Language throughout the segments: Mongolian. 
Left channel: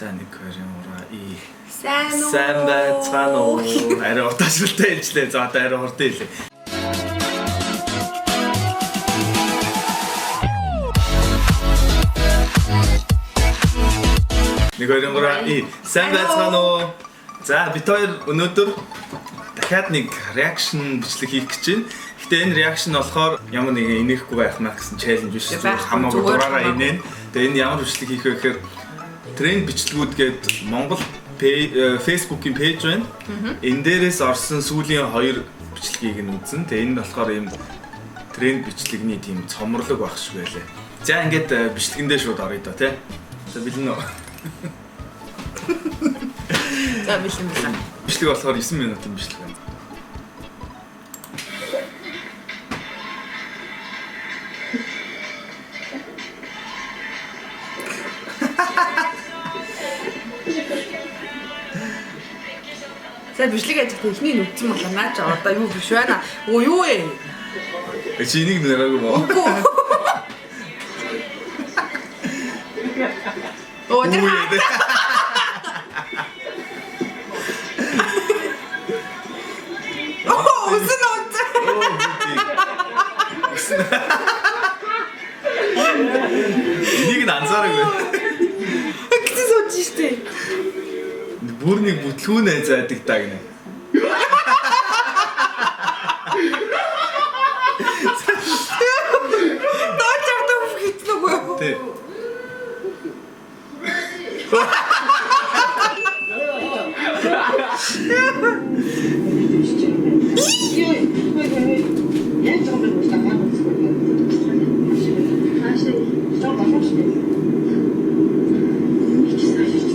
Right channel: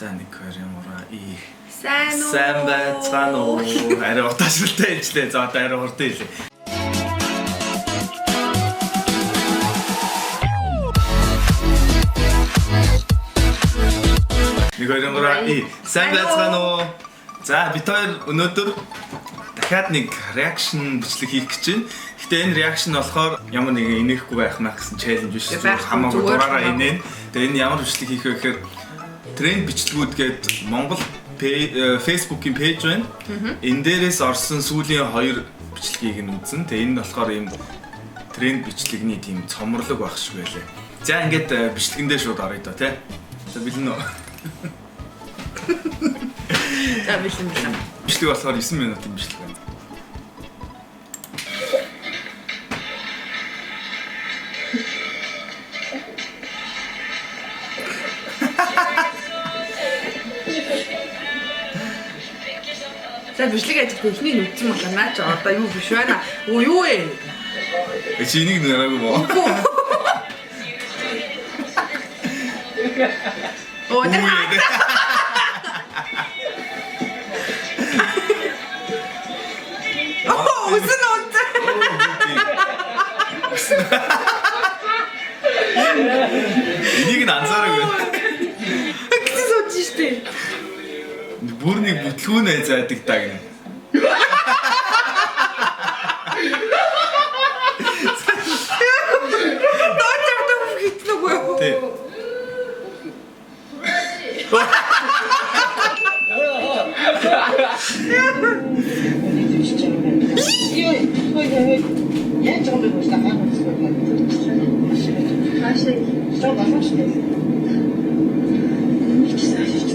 За 1 2 3 4 Сайн байцгаана уу? Арай утаашлалтай ээжлээ. За одоо арай хурдан хэлээ. 1 2 3 сайн байцгаана уу? За бид хоёр өнөөдөр дахиад нэг реакшн бичлэг хийх гэж байна. Гэтэ энэ реакшн болохоор ямар нэгэн инехгүй байх маа гэсэн челленж биш. Хамаагүй дураараа инээ. Тэгээ энэ ямар бичлэг хийх вэ гэхээр тренд бичлэгүүд гээд Монгол Facebook-ийн пэйж байна. Энэ дээрээс орсон сүүлийн 2 бичлэгийг нь үзэн. Тэгээ энэ болохоор ийм тренд бичлэгний тийм цомрлог байх шиг байлаа. За ингээд бичлэгэндээ шууд оръё доо тий. За бэлэн үү? За бэлэн. Бичлэг болохоор 9 минутын бичлэг байна. За бичлэг ажиг техник нүцэн болоо наач одоо юу биш байна. Оо юу вэ? Чи энийг нэраагүй мó? Оо тэр үсэн онцоо. Энийг нь анзаараагүй. Гэсэн сууж штэ. Бүр нэг бүтлгүүнээ зайдаг даа гинэ. Дочортой хитнэгүй юу? Тий.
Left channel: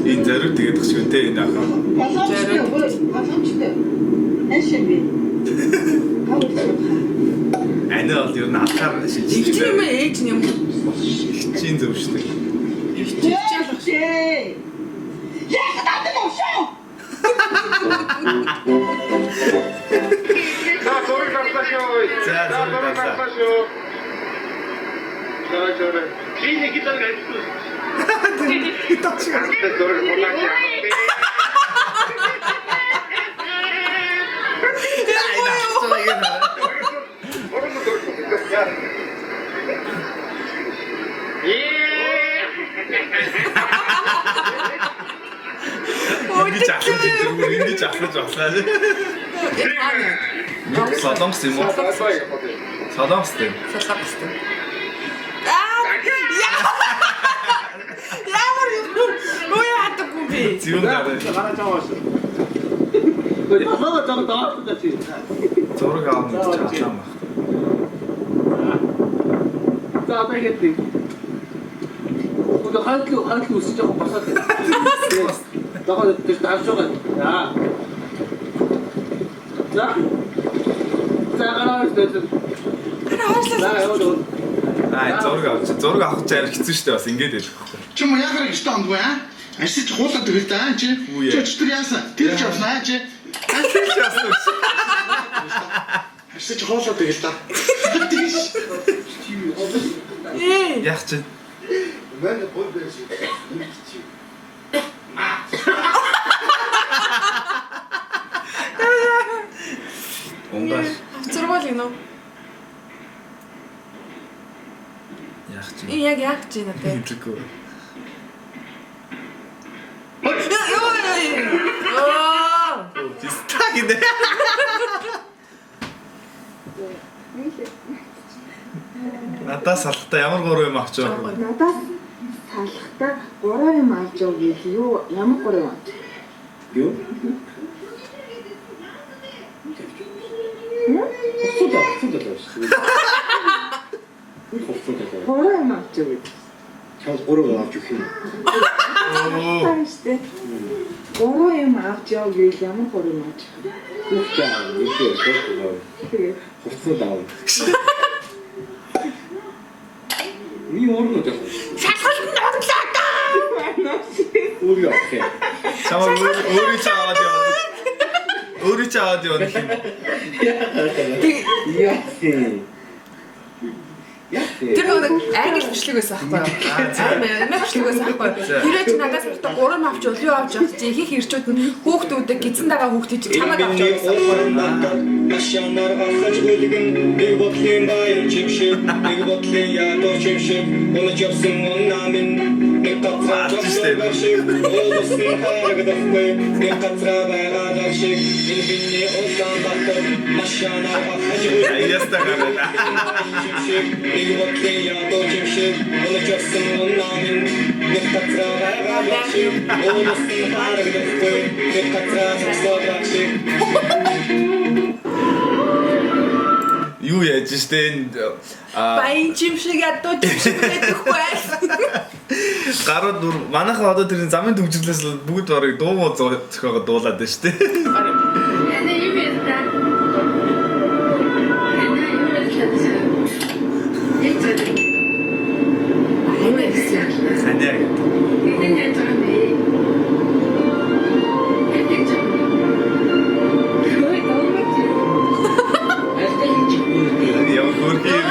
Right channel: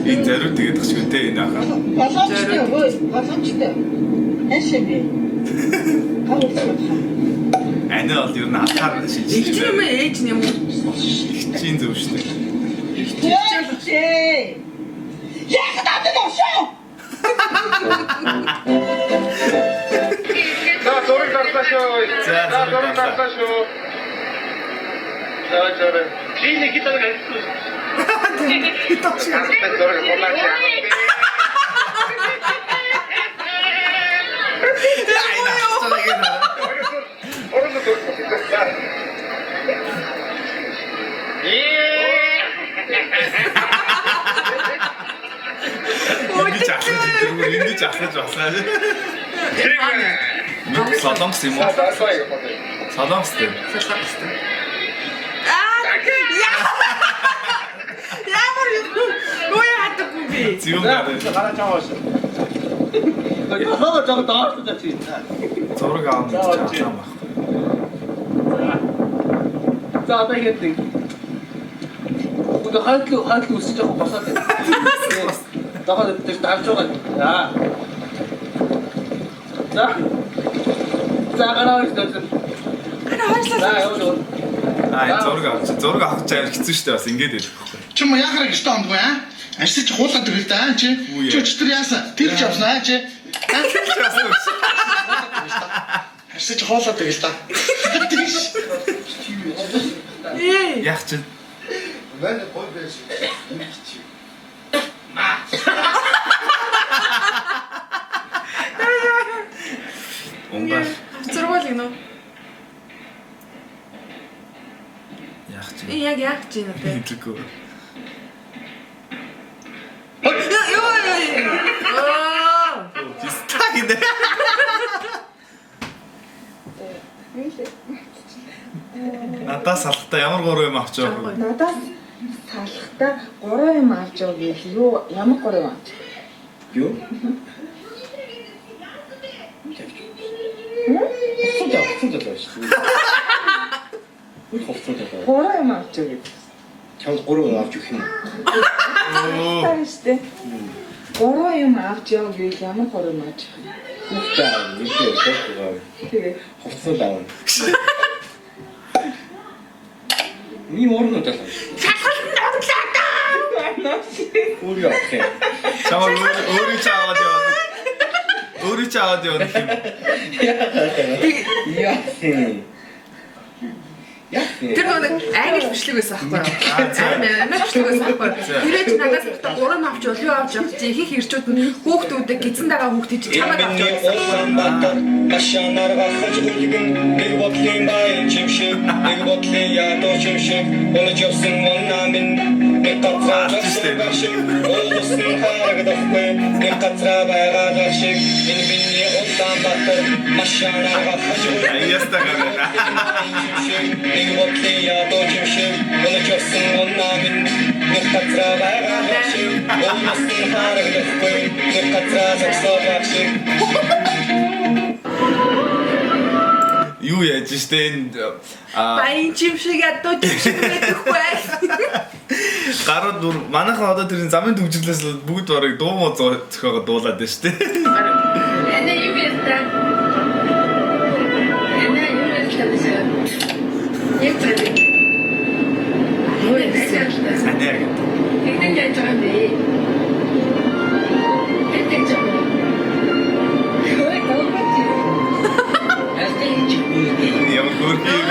Энэ зарим тэгээд тахчих вэ энэ ахаа. Боломжтой. Ашиг. Ани бол ер нь алхаар Их юм ээж юм уу? чинь зөв шүү дээ. Яг надад овшоо. За зураг авлаа. За. Чиний хитог ажиллаж. Хитог шиг. Зураг болооч. Ингэж асууж баслаа шээ. Солонгос юм уу? Солонгос дээ. Ямар юу яадаггүй би. Зүүн гараа. Зураг аавна гэж чадсан баг. За одоо ингэдэг. Одоо хаалт үсэж байгаа басаад. Дахад тэр тавьж байгаа. За. За гараа өстөж. Зураг авах чаар хэцүү шүү дээ бас ингэж хэлэх байхгүй. Чи мо яхаар гэж таамгүй аа? Арсич хуулаад өгөл даа чи. Чи яасан? Тэр ч авснаа чи. Арсич хуулаад өгөл даа. Яах чи? Онгаш. Зургуул гинөө. Яах чи? Яг яах чи надад. Хэлэхгүй. Стагнэ. Надаас салхтаа ямар 3 юм авч байгаа вэ? Надаас салхтаа 3 юм авч яв гээл юу ямар 3 юм авч? Юу? Гурван юм авч яв гээл. Чамд 3 авч өгөх юм. Тааштай. 3 юм авч яв гээл ямар 3 юм авч? Хүүхдээ юу Тэгээ. хувцас даав. Ни орно таа. Шалгалт орлоо даа. Үгүй яах. Чамаа өөрийн ч аваад яваад. Өөрийн ч аваад яваад юм. Яах. Яах. Тэр нэг англи бичлэг байсан байхгүй юу? Англи бичлэг байсан байхгүй юу? Тэрэж надаас ихтэй 3 авч юу авч явах чи их ирчүүд нь хүүхдүүдэд гизэн дагаа хүүхдүүд чи чамаг авч явуулсан. Машинаар ахаж үлгэн гэр бодлын баян чимшиг гэр бодлын ядуу чимшиг өнөж явсан оннамин нэг гацраа олсон харагдахгүй нэг гацраа байгаа шиг энэ биний Улаанбаатар машинаар ахаж Яста гэнэ. нэг бодлын ядуу чимшиг өнөж явсан оннамин нэг гацраа байгаа шиг олсон харагдахгүй нэг гацраа байгаа шиг Юу яаж штэ энэ Баян чимшиг ядуу чимшиг гэдэг бай. гарууд манайхаа одоо тэр замын төвжирлээс бүгд барыг дуу муу зохиогоо дуулаад байна штэ. Санаа гэдэг. Яа гөрхи юм.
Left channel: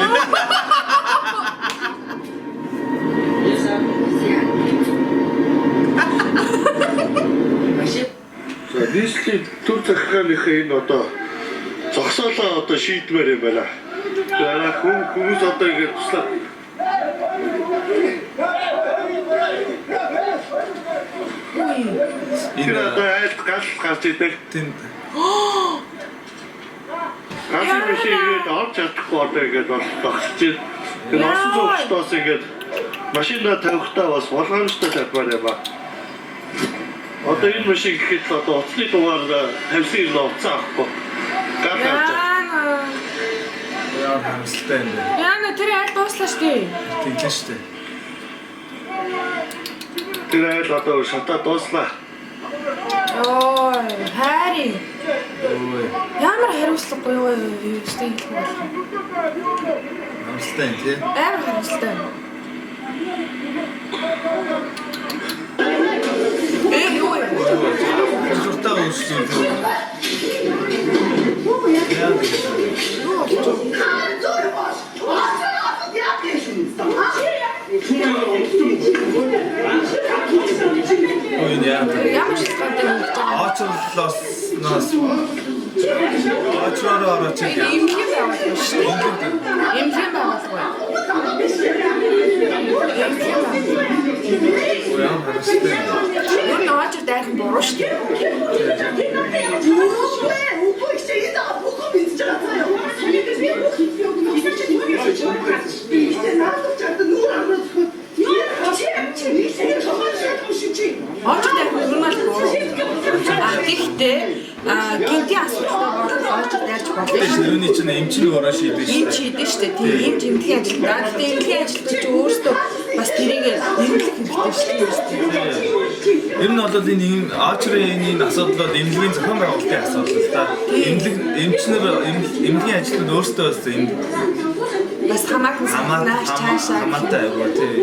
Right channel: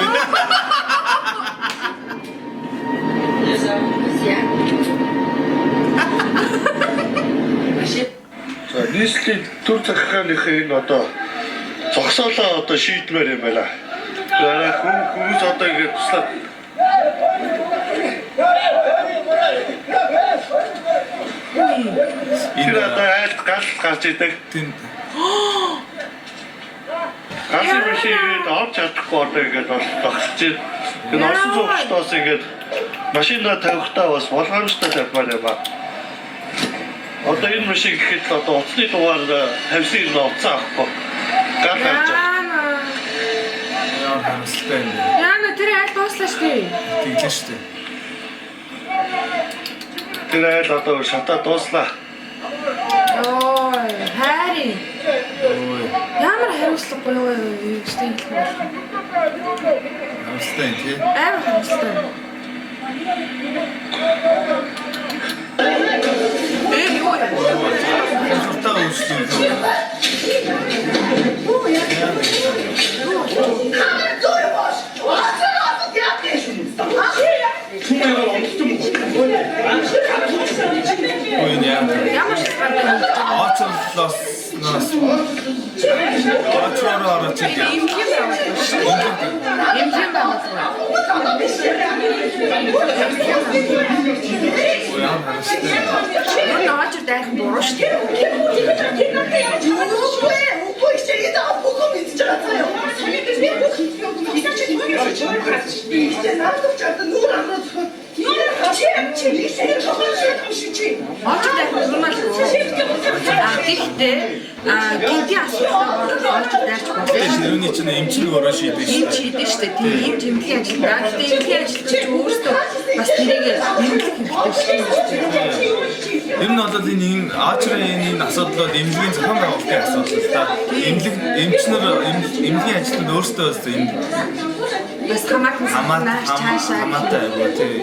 Нийслэлийн төр захиргааныхаа энэ одоо зогсоолоо одоо шийдмээр юм байна. За хүмүүс одоо ингэ туслаад энэ одоо айлт гал гарч идэг. Тийм. Гасын машиныг авч чадахгүй одоо ингэ тогтсож байна. Энэ орсон зогсолоос ингэ машинаа тавихтаа бас болгоомжтой тавьмаар юм ба. Одоо энэ машин гэхэд одоо утасны дугаар тавьсан юм уцаа авахгүй. Гал авч. Яа хамсалтай юм бэ. Яна тэр айл дууслаа штэ. Тэглэн штэ. Тэр айл одоо шатаа дууслаа. Ой, хайри. Ой. Ямар хариуцлагагүй юу штэ хэлэх болох. Хамсалтай юм тий. Амар хариуцлагатай. Юу яа? Журтаа үүссэн. Ой яа. Ямар шалтгаантай юм бэ? Аачлалаас Аачлаараа орооч. Эмхи байгуулсан шүү дээ. Эмхи байгуулсан. Ой яа харастай. Юу н аажир дайхан буруу шүү дээ. Аажир дайхан нормал буруу. Гэхдээ гинти асуудалтай бол аажир дайрч болно. Тэс юуны чинь эмчийн өөрөө шийдэж Им чийдэн шүү дээ. Тийм им тэмдэглэлийн ажилтнаа. Гэхдээ эмнэлгийн ажилтнууд ч өөрсдөө бас тэрийг эргэлэх хэрэгтэй шүү дээ. Ер нь бол энэ аачрын энэ асуудал бол эмнэлгийн зохион байгуулалтын асуудал л да. Эмчнэр эмнэлгийн ажилтнууд өөрсдөө бас энэ Бас хамаахан санаач цаашаа хамаатай аваа тий.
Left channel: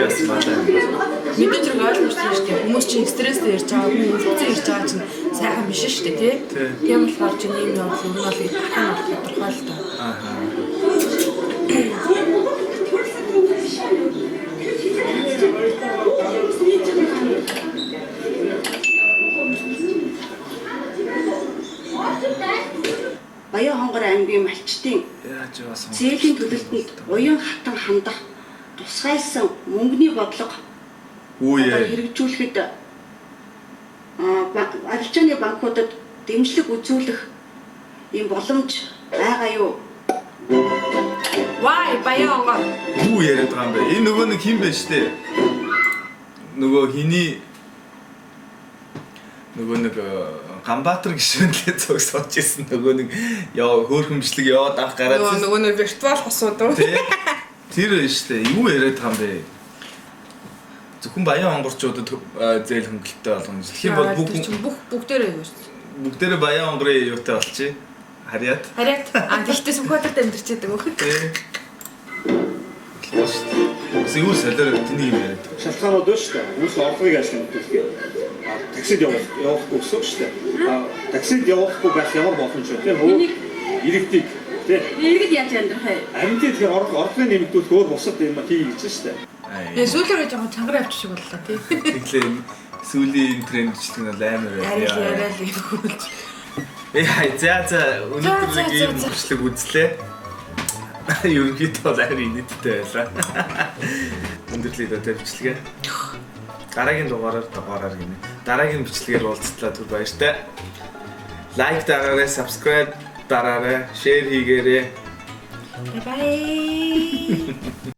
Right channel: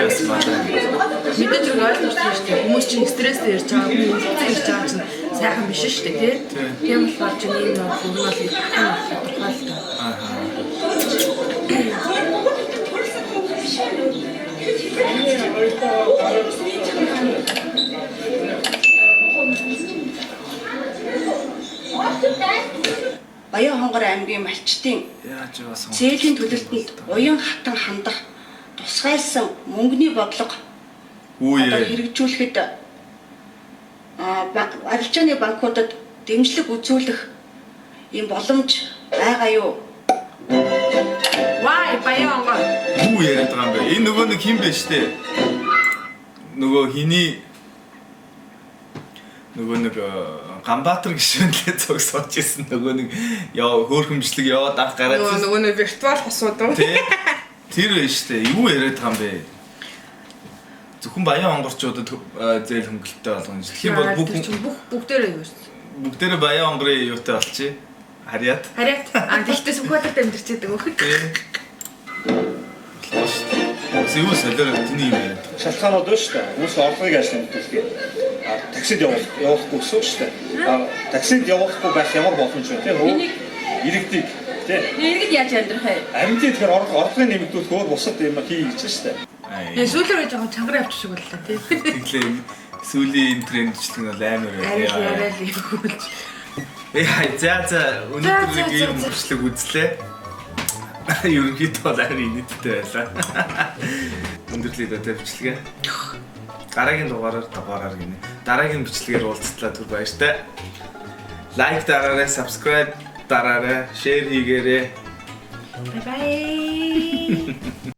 Яс мата. мэдээж хэрэг ойлгомжтой шүү дээ. Хүмүүс чинь стресстэй ирж байгаа, хүмүүс үлдсэн ирж байгаа чинь сайхан биш шүү дээ, тий? Тийм болохоор чинь ийм явдал ер нь бол ихэнх тодорхой л тоо. Аха. Баян хонгор аймгийн малчтын Яаж бас зээлийн төлөлтөнд уян хатан хандах тусгайлсан мөнгөний бодлого Үе. хэрэгжүүлэхэд арилжааны банкудад дэмжлэг үзүүлэх ийм боломж байгаа юу? Вай баян онгор. Юу яриад байгаа юм бэ? Энэ нөгөө нэг хин бэ штэ. Нөгөө хиний нөгөө нэг Ганбаатар гişүнлээ цогсооч ирсэн нөгөө нэг яа хөөрхөмжлөг яваад авах гараад Нөгөө нэг виртуал хосууд уу? Тэр байна штэ. Юу яриад байгаа юм бэ? Зөвхөн баян онгорчуудад зээл хөнгөлөлттэй болгоно. Тэгэх юм бол бүгдээрээ юу шүү. бүгдээрээ баян онгорын юутай болчих. Харьяат. Тэгтээ сүхбаатарт амьдэрчээд байгаа хөө. Болоо штэ. Юу солиор тэний юм яриад. Шалтгаанууд байна шүү дээ. Хүмүүс орлогыг яаж нэмдэг вэ? таксид явуулахгүй гэсэн шүү дээ. Таксид явуулахгүй байх ямар боломж вэ? Тийм үү? Иргэдэг тийм. Иргэд яаж амьдрах вэ? Амьтын тэр орлогын нэмэгдүүлэх өөр бусад юм хийж гэж шүү дээ. Сүүлээр жоохон чангаар авчих шиг боллоо тий. Тэглээ сүүлийн трендчлэг нь бол амар Арай байна. л хөвлж. За өнөөдөр ийм бичлэг үзлээ. Ерөнхийдөө бол арай нийттэй байлаа. Өндөрлөд одоо бичлэгээ. Дараагийн дугаараар гинэ. Дараагийн бичлэгээр уулзтлаа түр баяртай. Лайк дараарай, subscribe дараарай, share хийгээрэй. Bye bye.